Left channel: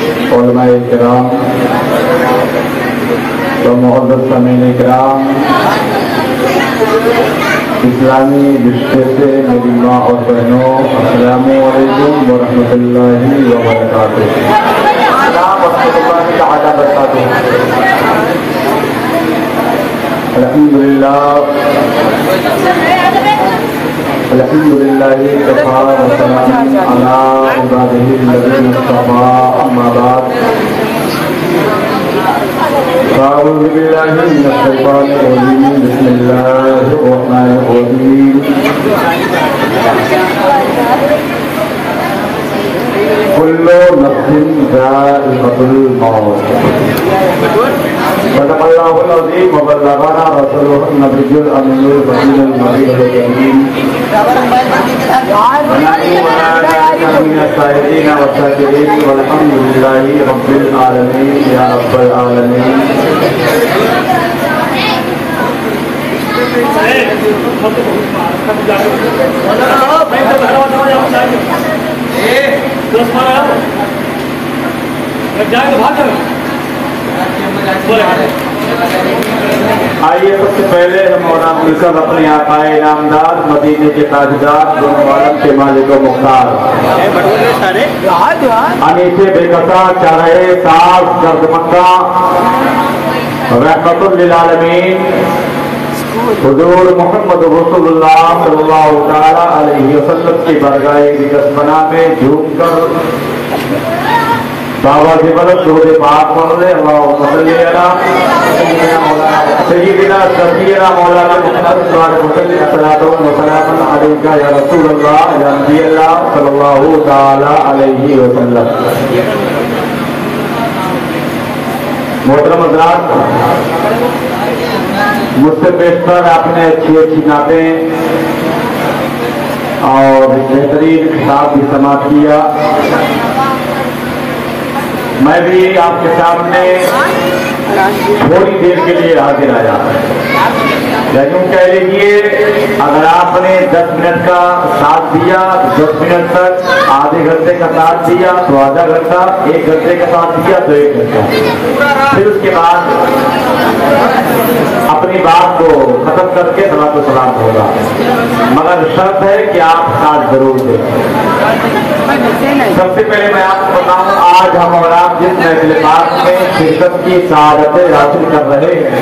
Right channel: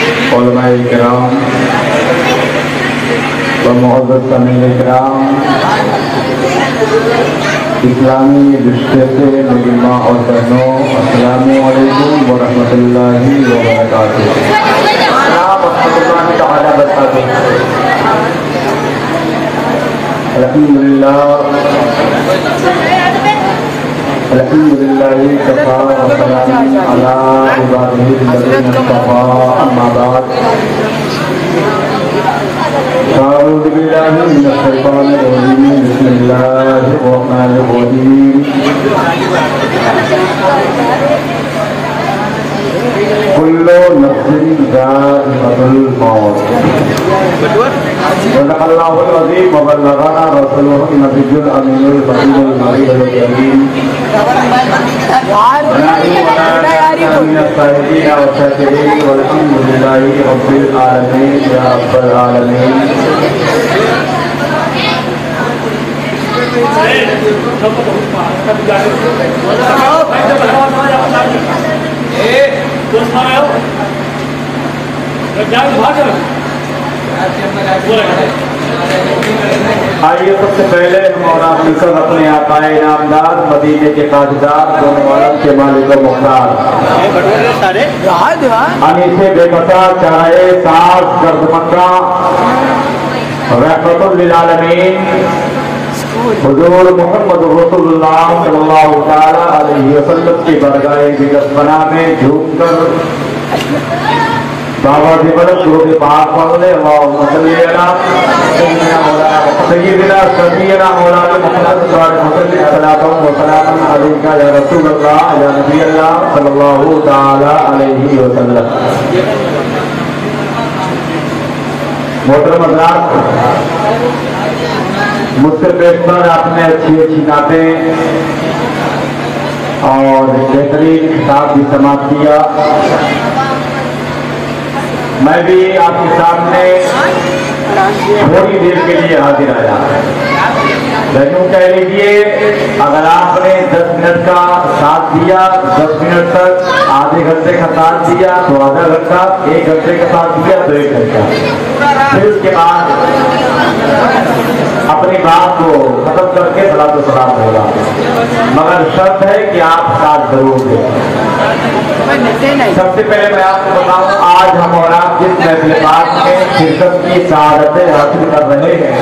علماء کرام و معزز سامعین کرام، اسلامی رشتے سے میری ماں اور بہنوں، السلام علیکم ورحمۃ اللہ وبرکاتہ۔ الحمدللہ کفا وسلام علی عبادہ الذین اصطفیٰ، اما بعد، اعوذ باللہ من الشیطان الرجیم، بسم اللہ الرحمن الرحیم۔ کل نفس ذائقۃ الموت، صدق اللہ العظیم وبلغنا رسولہ النبی الامین الرسول النبی الکریم، من الشاہدین والشاکرین والحمد للہ رب العالمین یا رب العالمین۔ آئیے سب سے پہلے ہم مولانا مل کر اپنے آقائے انعامدار، مدینے کے تاجدار، دو محرم کے مالک و مختار، ہمیشہ بے قطع چاہے ساز درد مکہ، رحمت للعالمین، حضور محمد رسول اللہ صلی اللہ تعالی علیہ وسلم کی برگاہ بگسمنا میں جھوم کر دعوت قلب درود پاک پڑھنے، اللہم صلی علی سیدنا شفیعنا مولانا محمد صلی اللہ علیہ یا رسول اللہ یا نبی اللہ صلی اللہ تعالی علیہ وسلم۔ محترم حضرات، مجھ سے پیشتر آپ نے اچھی اچھی نعتیں اور بہترین خطاب بھی سماعت کیا۔ میں بھی آپ کے سامنے تھوڑی دیر کے لیے حاضر آیا، یوں کہہ لیجیے اگر آپ نے 10 منٹ کا ساتھ دیا، 10 منٹ تک، آدھے گھنٹے کا ساتھ دیا تو آدھا گھنٹہ، 1 گھنٹے کا ساتھ دیا تو 1 گھنٹہ، پھر اس کے بعد اپنی بات کو ختم کر کے صلاۃ و سلام ہوگا، مگر شرط ہے کہ آپ ساتھ ضرور دیں۔ سب سے پہلے میں آپ کو بتاؤں، آج ہم اور آپ جس محفل پاک میں شرکت کی سعادتیں حاصل کر رہے ہیں،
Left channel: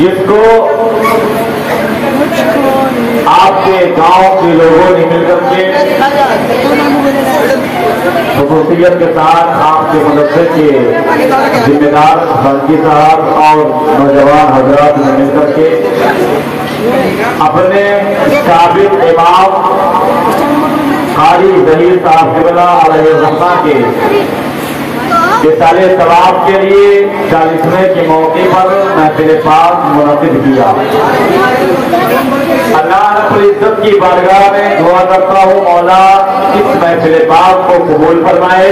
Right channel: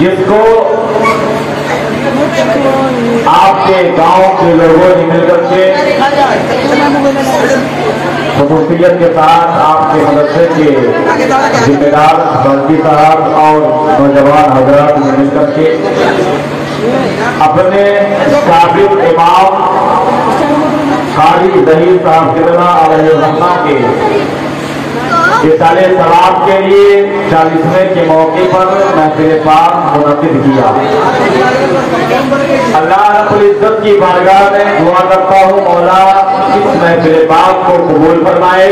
جس کو آپ کے گاؤں کے لوگوں نے مل کر کے خصوصیت کے ساتھ آپ کے مدرسے کے ذمہ دار بلدی صاحب اور نوجوان حضرات نے مل کر کے اپنے سابق امام قاری ظہیر صاحب قبلہ علیہ الرحمہ کے سالِ ثواب کے لیے 40ویں کے موقع پر محفل پاک منعقد کیا۔ اللہ رب العزت کی بارگاہ میں دعا کرتا ہوں مولا اس محفل پاک کو قبول فرمائے،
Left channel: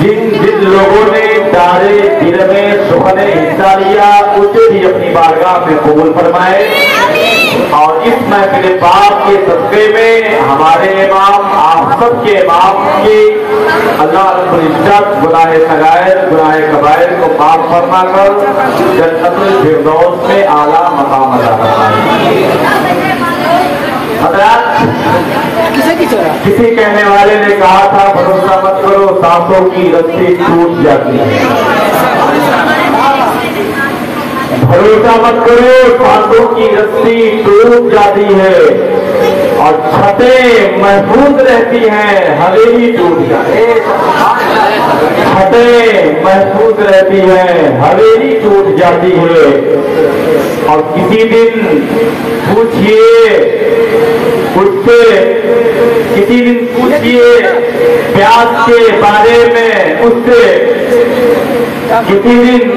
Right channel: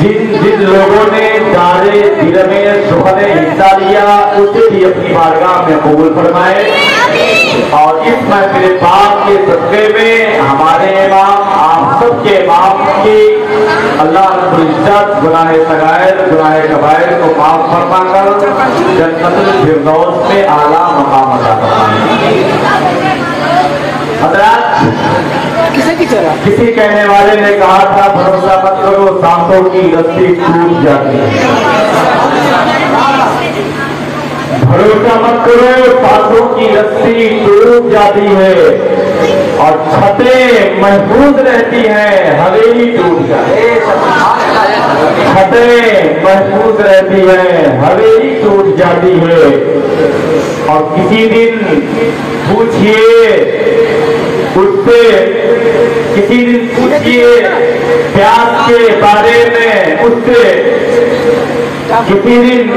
جن لوگوں نے دارِ دل میں سخن حصہ لیا اسے بھی اپنی بارگاہ میں قبول فرمائے، اور اس محفل پاک کے صدقے میں ہمارے امام، آپ سب کے امام کی اللہ رب العزت گناہ صغائر گناہ کبائر کو معاف فرما کر جنت الفردوس میں اعلیٰ مقام عطا فرمائے۔ حضرات، کسی کہنے والے نے کہا تھا بھروسہ مت کرو سانسوں کی رسی ٹوٹ جاتی ہے، بھروسہ مت کرو سانسوں کی رسی ٹوٹ جاتی ہے، اور چھتیں محفوظ رہتی ہیں حویلی ٹوٹ جاتی ہے، چھتیں محفوظ رہتی ہیں حویلی ٹوٹ جاتی ہے۔ اور کسی دن پوچھئے اس سے، کسی دن پوچھئے پیاس کے بارے میں اس سے، کسی دن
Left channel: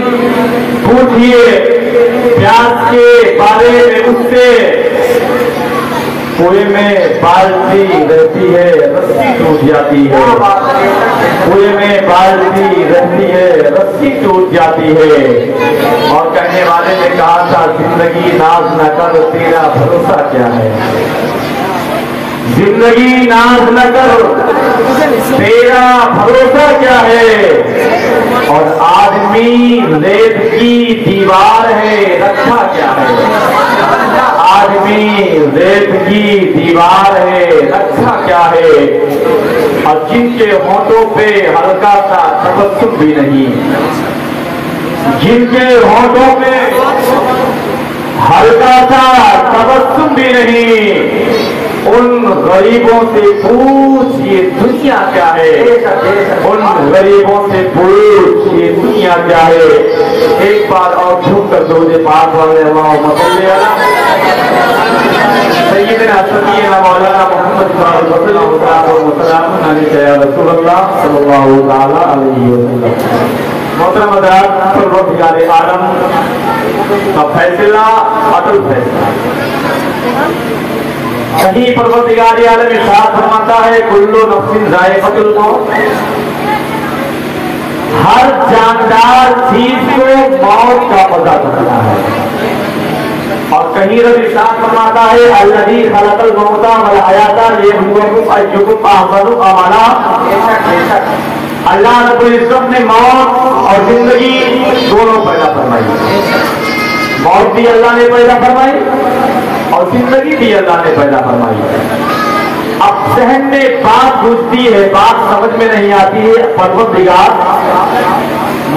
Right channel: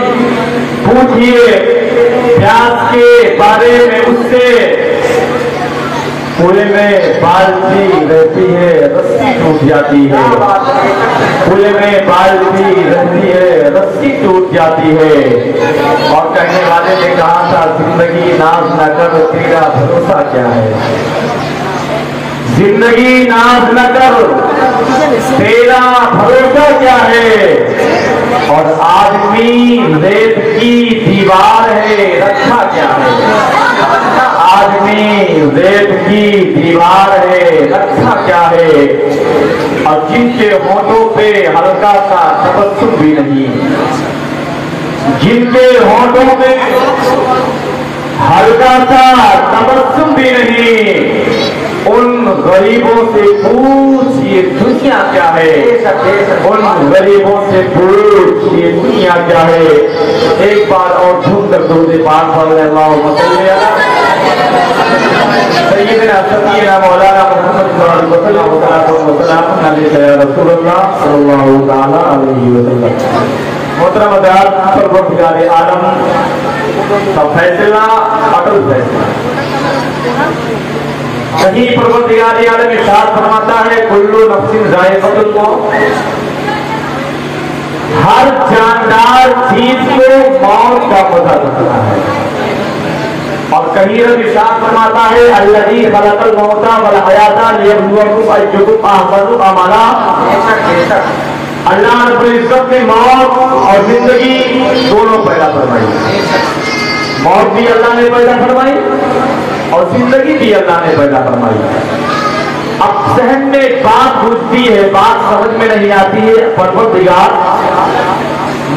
پوچھئے پیاس کے بارے میں اس سے، کنویں میں بالٹی رہتی ہے رسی ٹوٹ جاتی ہے، کنویں میں بالٹی رہتی ہے رسی ٹوٹ جاتی ہے۔ اور کہنے والے نے کہا تھا زندگی ناز نہ کر تیرا بھروسہ کیا ہے، जिंदगी नाज न कर, तेरा भरोसा क्या है, और आदमी रेत की दीवार है, रक्षा क्या है। आदमी रेत की दीवार है, रक्षा क्या है। और जिनके होठों पे हल्का सा तबस्सुम भी नहीं, जिनके होठों पे हल्का सा तबस्सुम भी नहीं, उन गरीबों से पूछ ये दुनिया क्या है। उन गरीबों से पूछ ये दुनिया क्या है। एक बार और झूम कर दो पाक वाले सैयदना समीना मौलाना मोहम्मद सल्लल्लाहु अलैहि वसल्लम। मोहतरम हज़रात, परवरदिगार आलम का फैसला अटल फैसला। कहीं परवरदिगार आलम इरशाद फरमाता है, कुल्लु नफ्सिन ज़ाइक़तुल मौत, हर जानदार चीज को मौत का पता चलता है। और कहीं इरशाद फरमाता है, अल्लज़ी खलक़ल मौता वल हयाता लियब्लुवकुम अय्युकुम अहसनु अमला। अल्लाह रब्बुल इज्जत ने मौत और जिंदगी दोनों पैदा फरमाई। मौत भी अल्लाह ने पैदा फरमाई और जिंदगी भी अल्लाह ने पैदा फरमाई। अब सहन में बात घुसती है, बात समझ में नहीं आती है। परवरदिगार,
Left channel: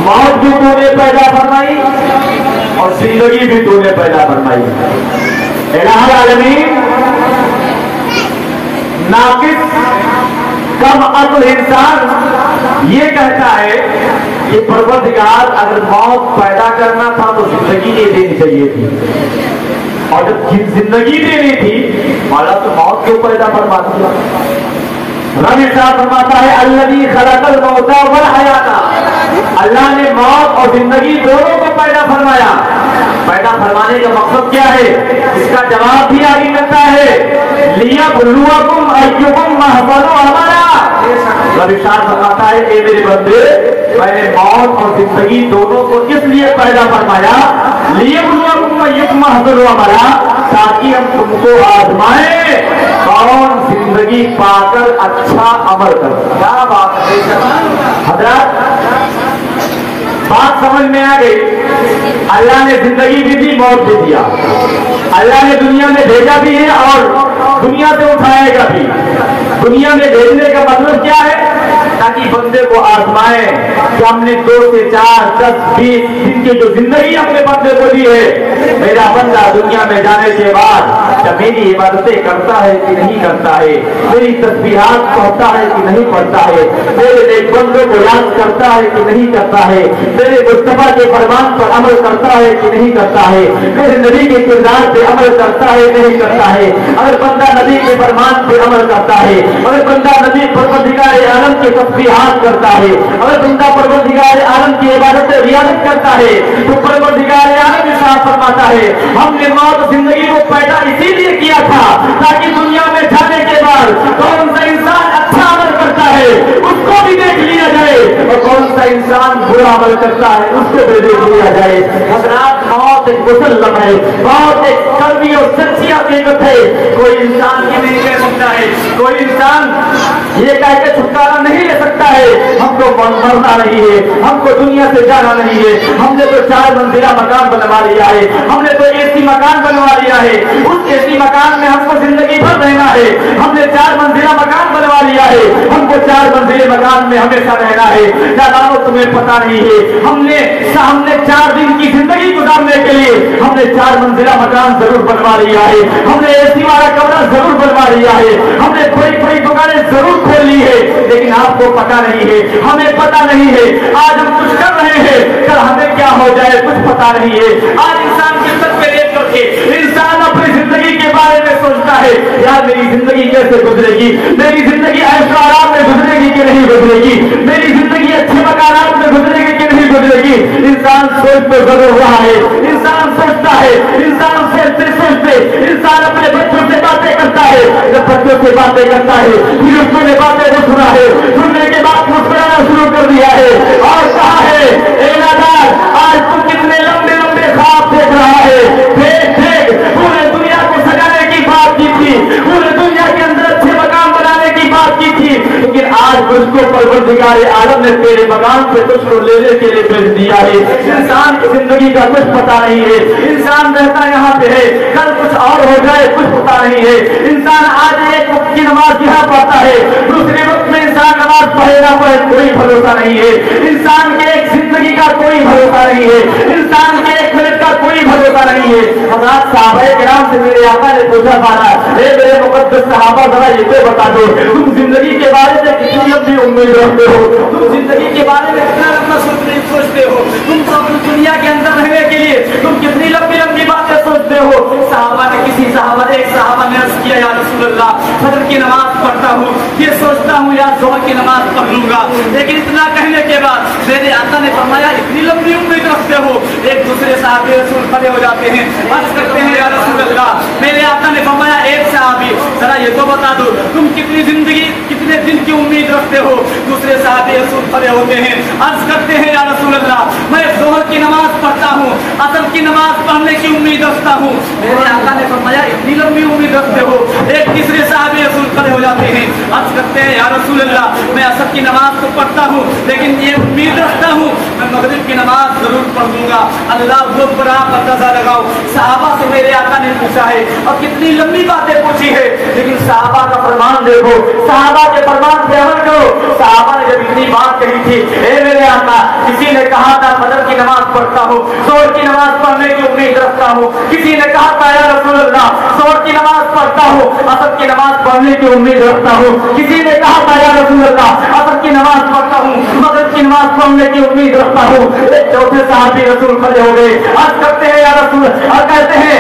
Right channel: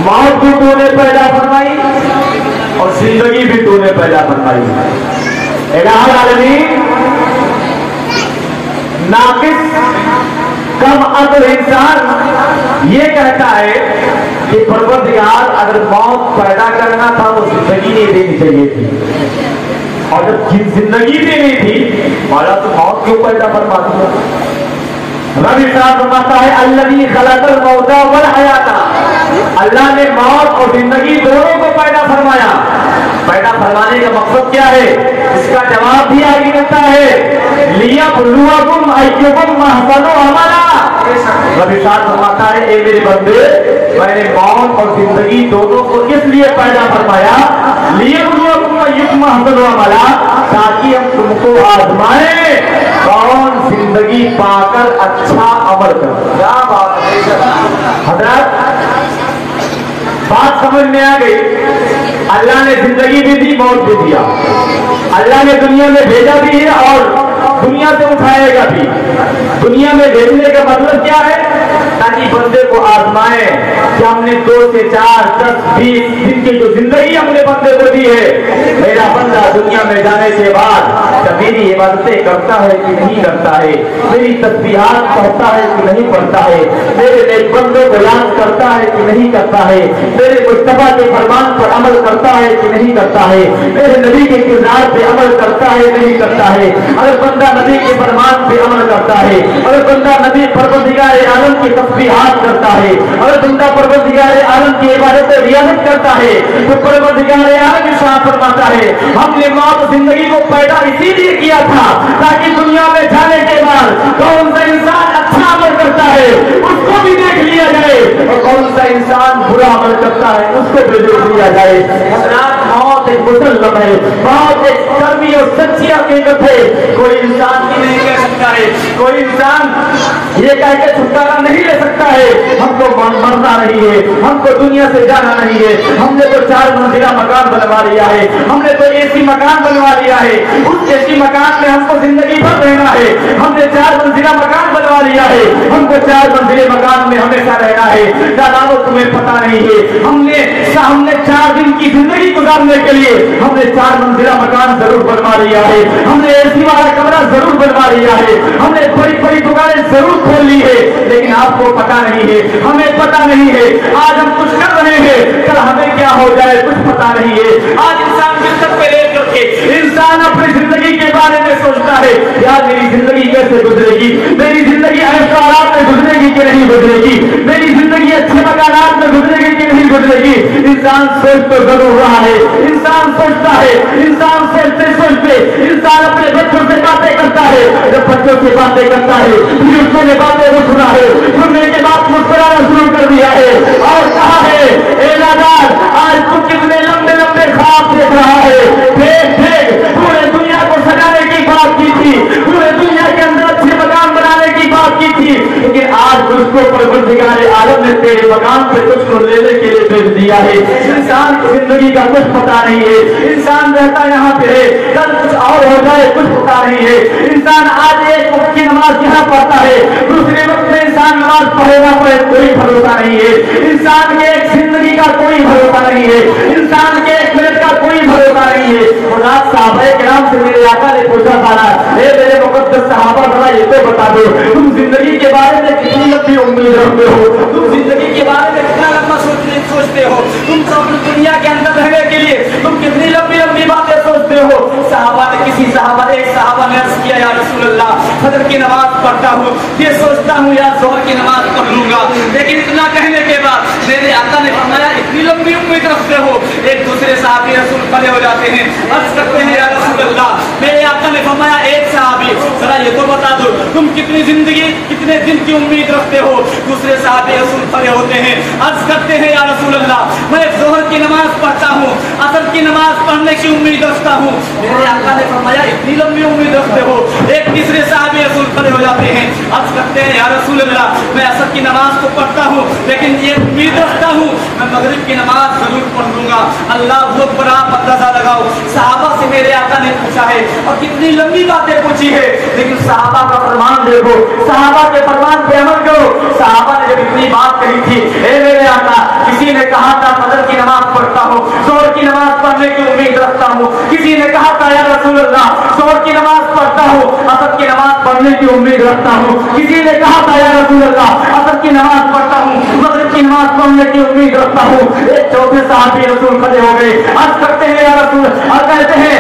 मौत भी तूने पैदा फरमाई और जिंदगी भी तूने पैदा फरमाई। इलाहुल आलमीन, नाकिस कम अक्ल इंसान ये कहता है कि परवरदिगार, अगर मौत पैदा करना था तो जिंदगी नहीं देनी चाहिए थी, और जब जिंदगी देनी थी मौला तो मौत क्यों पैदा फरमा दिया। रब इरशाद फरमाता है, अल्लज़ी खलक़ल मौता वल हयाता, अल्लाह ने मौत और जिंदगी दोनों को पैदा फरमाया। पैदा फरमाने का मकसद क्या है, इसका जवाब भी आगे मिलता है, लियब्लुवकुम अय्युकुम अहसनु अमला। रब इरशाद फरमाता है, ए मेरे बंदे, मैंने मौत और जिंदगी दोनों को किस लिए पैदा फरमाया, लियब्लुवकुम अय्युकुम अहसनु अमला, ताकि हम तुमको आजमाए कौन जिंदगी पाकर अच्छा अमल करता। क्या बात है हज़रात, बात समझ में आ गई। अल्लाह ने जिंदगी भी दी, मौत भी दिया। अल्लाह ने दुनिया में भेजा भी है और दुनिया से उठाएगा भी। दुनिया में भेजने का मतलब क्या है, ताकि बंदे को आजमाए कि हमने 2 से 4, 10, 20 दिन की जो जिंदगी हमने बंदे को दी है, मेरा बंदा दुनिया में जाने के बाद जब मेरी इबादतें करता है कि नहीं करता है, मेरी तस्बीहात पढ़ता है कि नहीं पढ़ता है, मेरे नेक बंदों को याद करता है कि नहीं करता है, मेरे मुस्तफा के फरमान पर अमल करता है कि नहीं करता है, मेरे नबी के किरदार पे अमल करता है नहीं करता है। अगर बंदा नबी के फरमान पे अमल करता है, अगर बंदा नबी परवरदिगार आलम की तस्बीहात करता है, अगर बंदा परवरदिगार आलम की इबादत रियाजत करता है, तो परवरदिगार आलम इरशाद फरमाता है, हमने मौत जिंदगी को पैदा इसीलिए किया था ताकि दुनिया में जाने के बाद कौन सा इंसान अच्छा अमल करता है उसको भी देख लिया जाए, और कौन सा इंसान बुरा अमल करता है उसको भी देख लिया जाए। मौत एक मुसल्लम है, मौत एक कर्मी और सच्ची हकीकत है। कोई इंसान की नहीं कह सकता है, कोई इंसान ये कह के छुटकारा नहीं ले सकता है हमको मरना नहीं है, हमको दुनिया से जाना नहीं है, हमने तो 4 मंजिला मकान बनवा लिया है, हमने तो एसी मकान बनवा लिया है, उस एसी मकान में हमको जिंदगी भर रहना है, हमने 4 मंजिला मकान बनवा लिया है, हमको 4 मंजिले मकान में हमेशा रहना है। दादाओ तुम्हें पता नहीं है, हमने 4 दिन की जिंदगी गुजारने के लिए हमने 4 मंजिला मकान जरूर बनवा लिया है, हमने एसी वाला कमरा जरूर बनवा लिया है, हमने कोई दुकानें जरूर खोल ली है, लेकिन आपको पता नहीं है, हमें पता नहीं है आज हम कुछ कर रहे हैं, कल हमें क्या हो जाए कुछ पता नहीं है। आज इंसान बिस्तर पे लेट करके इंसान अपनी जिंदगी के बारे में सोचता है, यार मेरी जिंदगी कैसे गुजरेगी, मेरी जिंदगी ऐसे हालात में गुजरेगी कि नहीं गुजरेगी, मेरी जिंदगी अच्छे मकानात में गुजरेगी कि नहीं गुजरेगी। इंसान सोच तो जरूर रहा है, इंसान सोचता है, इंसान सोचते इंसान अपने बच्चों से बातें करता है, जब बच्चों से बातें करता है फिर उसको बातें वो सुना है, सुनने के बाद मुस्कुराना शुरू कर दिया है और कहा है, ए नादान आज तू कितने लंबे लंबे ख्वाब देख रहा है, देख पूरे दुनिया को सजाने की बात की थी, पूरे दुनिया के अंदर आज उसको परवरदिगार आलम ने तेरे मकाम से कुछ को लेने के लिए भेज दिया है। इंसान की जिंदगी का कुछ पता नहीं है, इंसान रहता यहाँ पे है, कल कुछ और हो जाए कुछ पता नहीं है। इंसान आज एक वक्त की नमाज यहाँ पढ़ता है, दूसरे वक्त में इंसान नमाज पढ़ेगा पर कोई भरोसा नहीं है। इंसान के एक जिंदगी का कोई भरोसा नहीं है, इंसान के एक मिनट का कोई भरोसा नहीं है। साहबाए किराम से मेरे आका ने पूछा था ना, मेरे मुकद्दस सहाबा जरा ये तो बता दो, तुम जिंदगी के बारे में कितनी लंबी उम्मीद रखते हो, तुम जिंदगी के बारे में कितना लंबा सोचते हो, तुम तो अपनी दुनिया के अंदर रहने के लिए तुम कितनी लंबी लंबी बातें सोचते हो। साहबा ने एक साहबा ने अर्ज किया, या रसूल अल्लाह, फजर की नमाज पढ़ता हूँ, ये सोचता हूँ या जोहर की नमाज पढ़ लूंगा, लेकिन इतना कहने के बाद मेरे आका ने फरमाया इतनी लंबी उम्मीद रखते हो। एक दूसरे साहबी रसूल खड़े हो जाते हैं, अर्ज करते हैं, या रसूल अल्लाह, मेरे आका ने फरमाया एक साहबी जरा ये तो बता दो तुम कितनी जिंदगी कितने दिन की उम्मीद रखते हो। दूसरे साहबी रसूल खड़े होते हैं, अर्ज करते हैं, या रसूल अल्लाह, मैं जोहर की नमाज पढ़ता हूँ, असर की नमाज पढ़ने की उम्मीद रखता हूँ। मेरे आका ने फरमाया इतनी लंबी उम्मीद रखते हो। एक तीसरे साहबी रसूल खड़े हो जाते हैं, अर्ज करते हैं, या रसूल अल्लाह, मैं असर की नमाज तो पढ़ता हूँ, लेकिन ये उम्मीद रखता हूँ मैं मगरिब की नमाज जरूर पढ़ लूंगा। अल्लाह बहुत बड़ा अंदाजा लगाओ, साहबा से मेरे आका ने पूछा है और कितनी लंबी बातें पूछी है, लेकिन साहबा का फरमान देखो, साहबा के फरमान पे अमल करो। साहबा ने जब इतनी बात कही थी, हे मेरे आका, किसी ने कहा था फजर की नमाज पढ़ता हूँ, जोहर की नमाज पढ़ने की उम्मीद रखता हूँ, किसी ने कहा था या रसूल अल्लाह, जोहर की नमाज पढ़ता हूँ, असर की नमाज पढ़ने की उम्मीद रखता हूँ, किसी ने कहा था या रसूल अल्लाह, असर की नमाज पढ़ता हूँ, मगरिब की नमाज पढ़ने की उम्मीद रखता हूँ। एक चौथे साहबी रसूल खड़े हो गए, अर्ज करते हैं, या रसूल, और कहते हैं,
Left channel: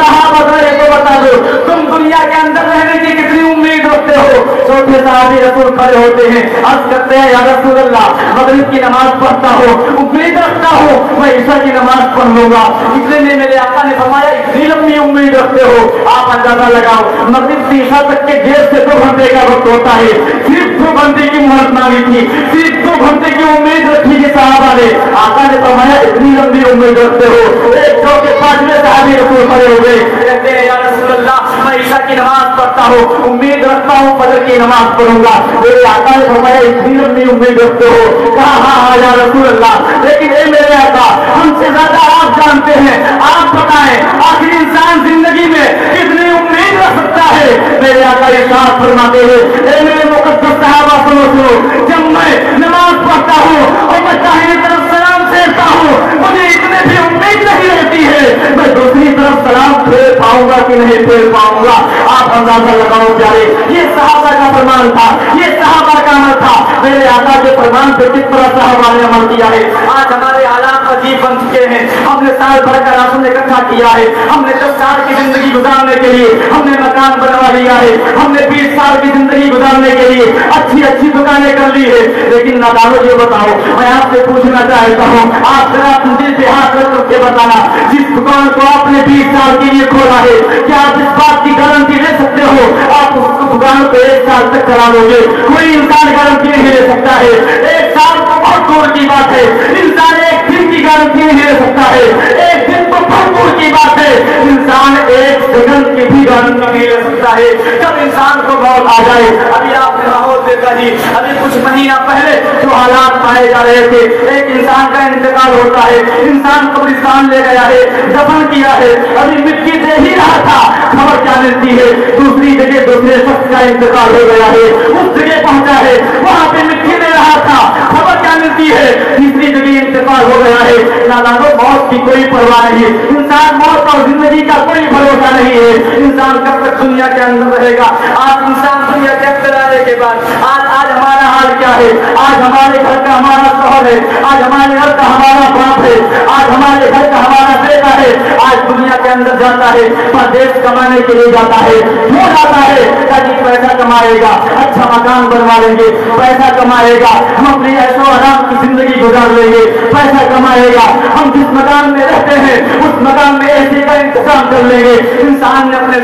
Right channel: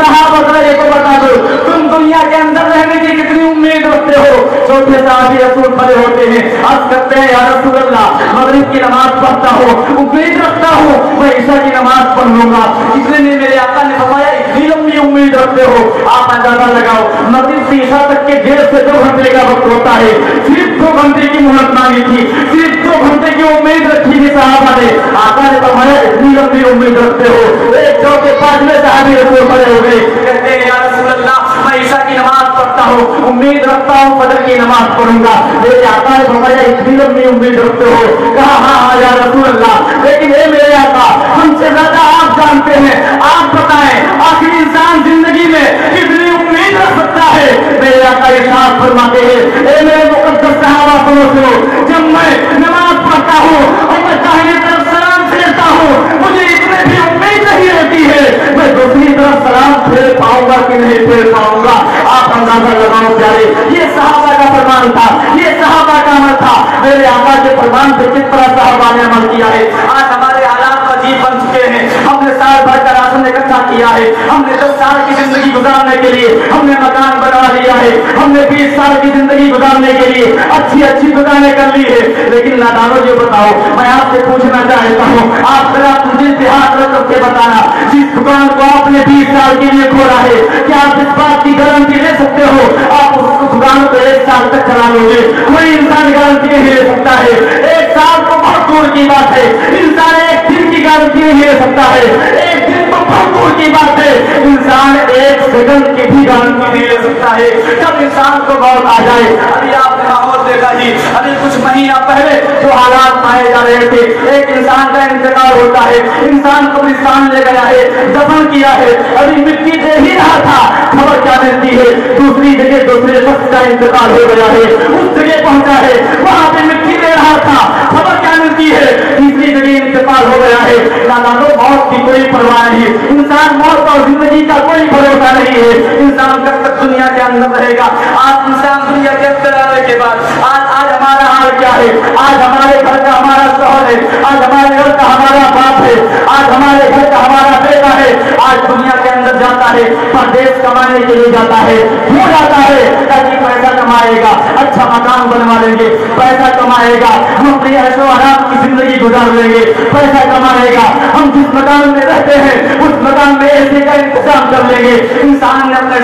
साहबा ये को बता दो तुम दुनिया के अंदर रहने की कितनी उम्मीद रखते हो। चौथे साहबी रसूल खड़े होते हैं, अर्ज करते हैं, या रसूल अल्लाह, मगरिब की नमाज पढ़ता हूँ, उम्मीद रखता हूँ मैं ईशा की नमाज पढ़ लूंगा। इसलिए मेरे आका ने फरमाया इतनी लंबी उम्मीद रखते हो। आप अंदाजा लगाओ, मगरिब से ईशा तक के जेल से 2 घंटे का वक्त होता है, सिर्फ 2 घंटे की मोहलत मांगी थी, सिर्फ 2 घंटे की उम्मीद रखी थी साहबा ने। आका ने फरमाया इतनी लंबी उम्मीद रखते हो। एक चौथे 5वें साहबी रसूल खड़े हो गए, कहते हैं, या रसूल अल्लाह, मैं ईशा की नमाज पढ़ता हूँ, उम्मीद रखता हूँ फजर की नमाज पढ़ूंगा। मेरे आका ने फरमाया इतनी लंबी उम्मीद रखते हो। कहा हाँ या रसूल अल्लाह, लेकिन ये मेरे आका हमसे ज्यादा आप जानते हैं, आप बताएं आखिर इंसान जिंदगी में कितनी उम्मीद रख सकता है। मेरे आका इरशाद फरमाते हैं, ए मेरे मुकद्दस सहाबा सुनो, जब मैं नमाज पढ़ता हूँ और मैं दाहिने तरफ सलाम फेरता हूँ, मुझे इतने भी उम्मीद नहीं रहती है मैं दूसरी तरफ सलाम फेर पाऊंगा कि नहीं फेर पाऊंगा। आप अंदाजा लगाओ प्यारे, ये सहाबा का फरमान था, ये सहाबा का अमल था। मेरे आका के फरमान पे किस तरह सहाबा ने अमल किया है। आज हमारे हालात अजीब बन चुके हैं, हमने साल भर का राशन इकट्ठा किया है, हमने 10 साल की जिंदगी गुजारने के लिए हमने मकान बना लिया है, हमने 20 साल की जिंदगी गुजारने के लिए अच्छी दुकानें कर ली है, लेकिन नादानो जो बताओ, मैं आपसे पूछना चाहता हूँ, आप जरा अपने दिल पे हाथ रख करके बताना, जिस दुकान को आपने 20 साल के लिए खोला है, क्या आप इस बात की गारंटी ले सकते हो आप उस दुकान को 1 साल तक चला लोगे? कोई इंसान गारंटी नहीं ले सकता है। 1 साल तो बहुत दूर की बात है, इंसान 1 दिन की गारंटी नहीं ले सकता है, 1 दिन तो बहुत दूर की बात है, इंसान 1 सेकंड की भी गारंटी नहीं ले सकता है। जब इंसान को मौत आ जाए, अभी आपने माहौल देखा जी, अभी कुछ महीना पहले जो हालात पाए जा रहे थे, एक इंसान का इंतकाल होता है, इंसान कब्रिस्तान ले गया है, दफन किया है, अभी मिट्टी दे ही रहा था, खबर क्या मिलती है दूसरी जगह दूसरे शख्स का इंतकाल हो गया है, उस जगह पहुंचा है, वहां पे मिट्टी दे रहा था, खबर क्या मिलती है तीसरी जगह इंतकाल हो गया है। नादानो मौत की कोई परवाह नहीं है, इंसान मौत और जिंदगी का कोई भरोसा नहीं है, इंसान कब तक दुनिया के अंदर रहेगा। आज इंसान दुनिया के अंदर आने के बाद आज हमारा हाल क्या है, आज हमारे घर का हमारा शौहर है, आज हमारे घर का हमारा बाप है, आज हमारे घर का हमारा बेटा है, आज दुनिया के अंदर जाता है, परदेश कमाने के लिए जाता है, क्यों जाता है? ताकि पैसा कमाएगा, अच्छा मकान बनवा लेंगे, पैसा कमाएगा, हम अपनी ऐशो आराम की जिंदगी गुजार लेंगे, पैसा कमाएगा, हम जिस मकान में रहते हैं उस मकान में ऐसे का इंतजाम कर लेंगे। इंसान ने अपने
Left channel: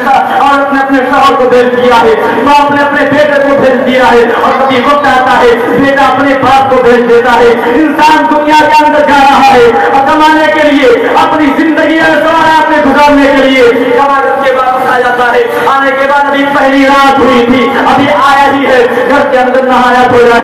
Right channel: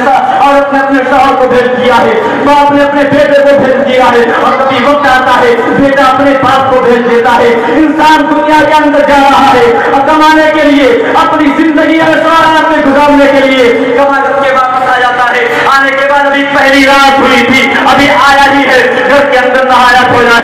अपने शौहर को भेज दिया है, तो आपने अपने बेटे को भेज दिया है, और कभी वक्त आता है बेटा अपने बाप को भेज देता है। इंसान दुनिया के अंदर जा रहा है और कमाने के लिए, अपनी जिंदगी ऐशो आराम में गुजारने के लिए कमा करके वापस आ जाता है। आने के बाद अभी पहली रात हुई थी, अभी आया ही है, घर के अंदर नहाया धोया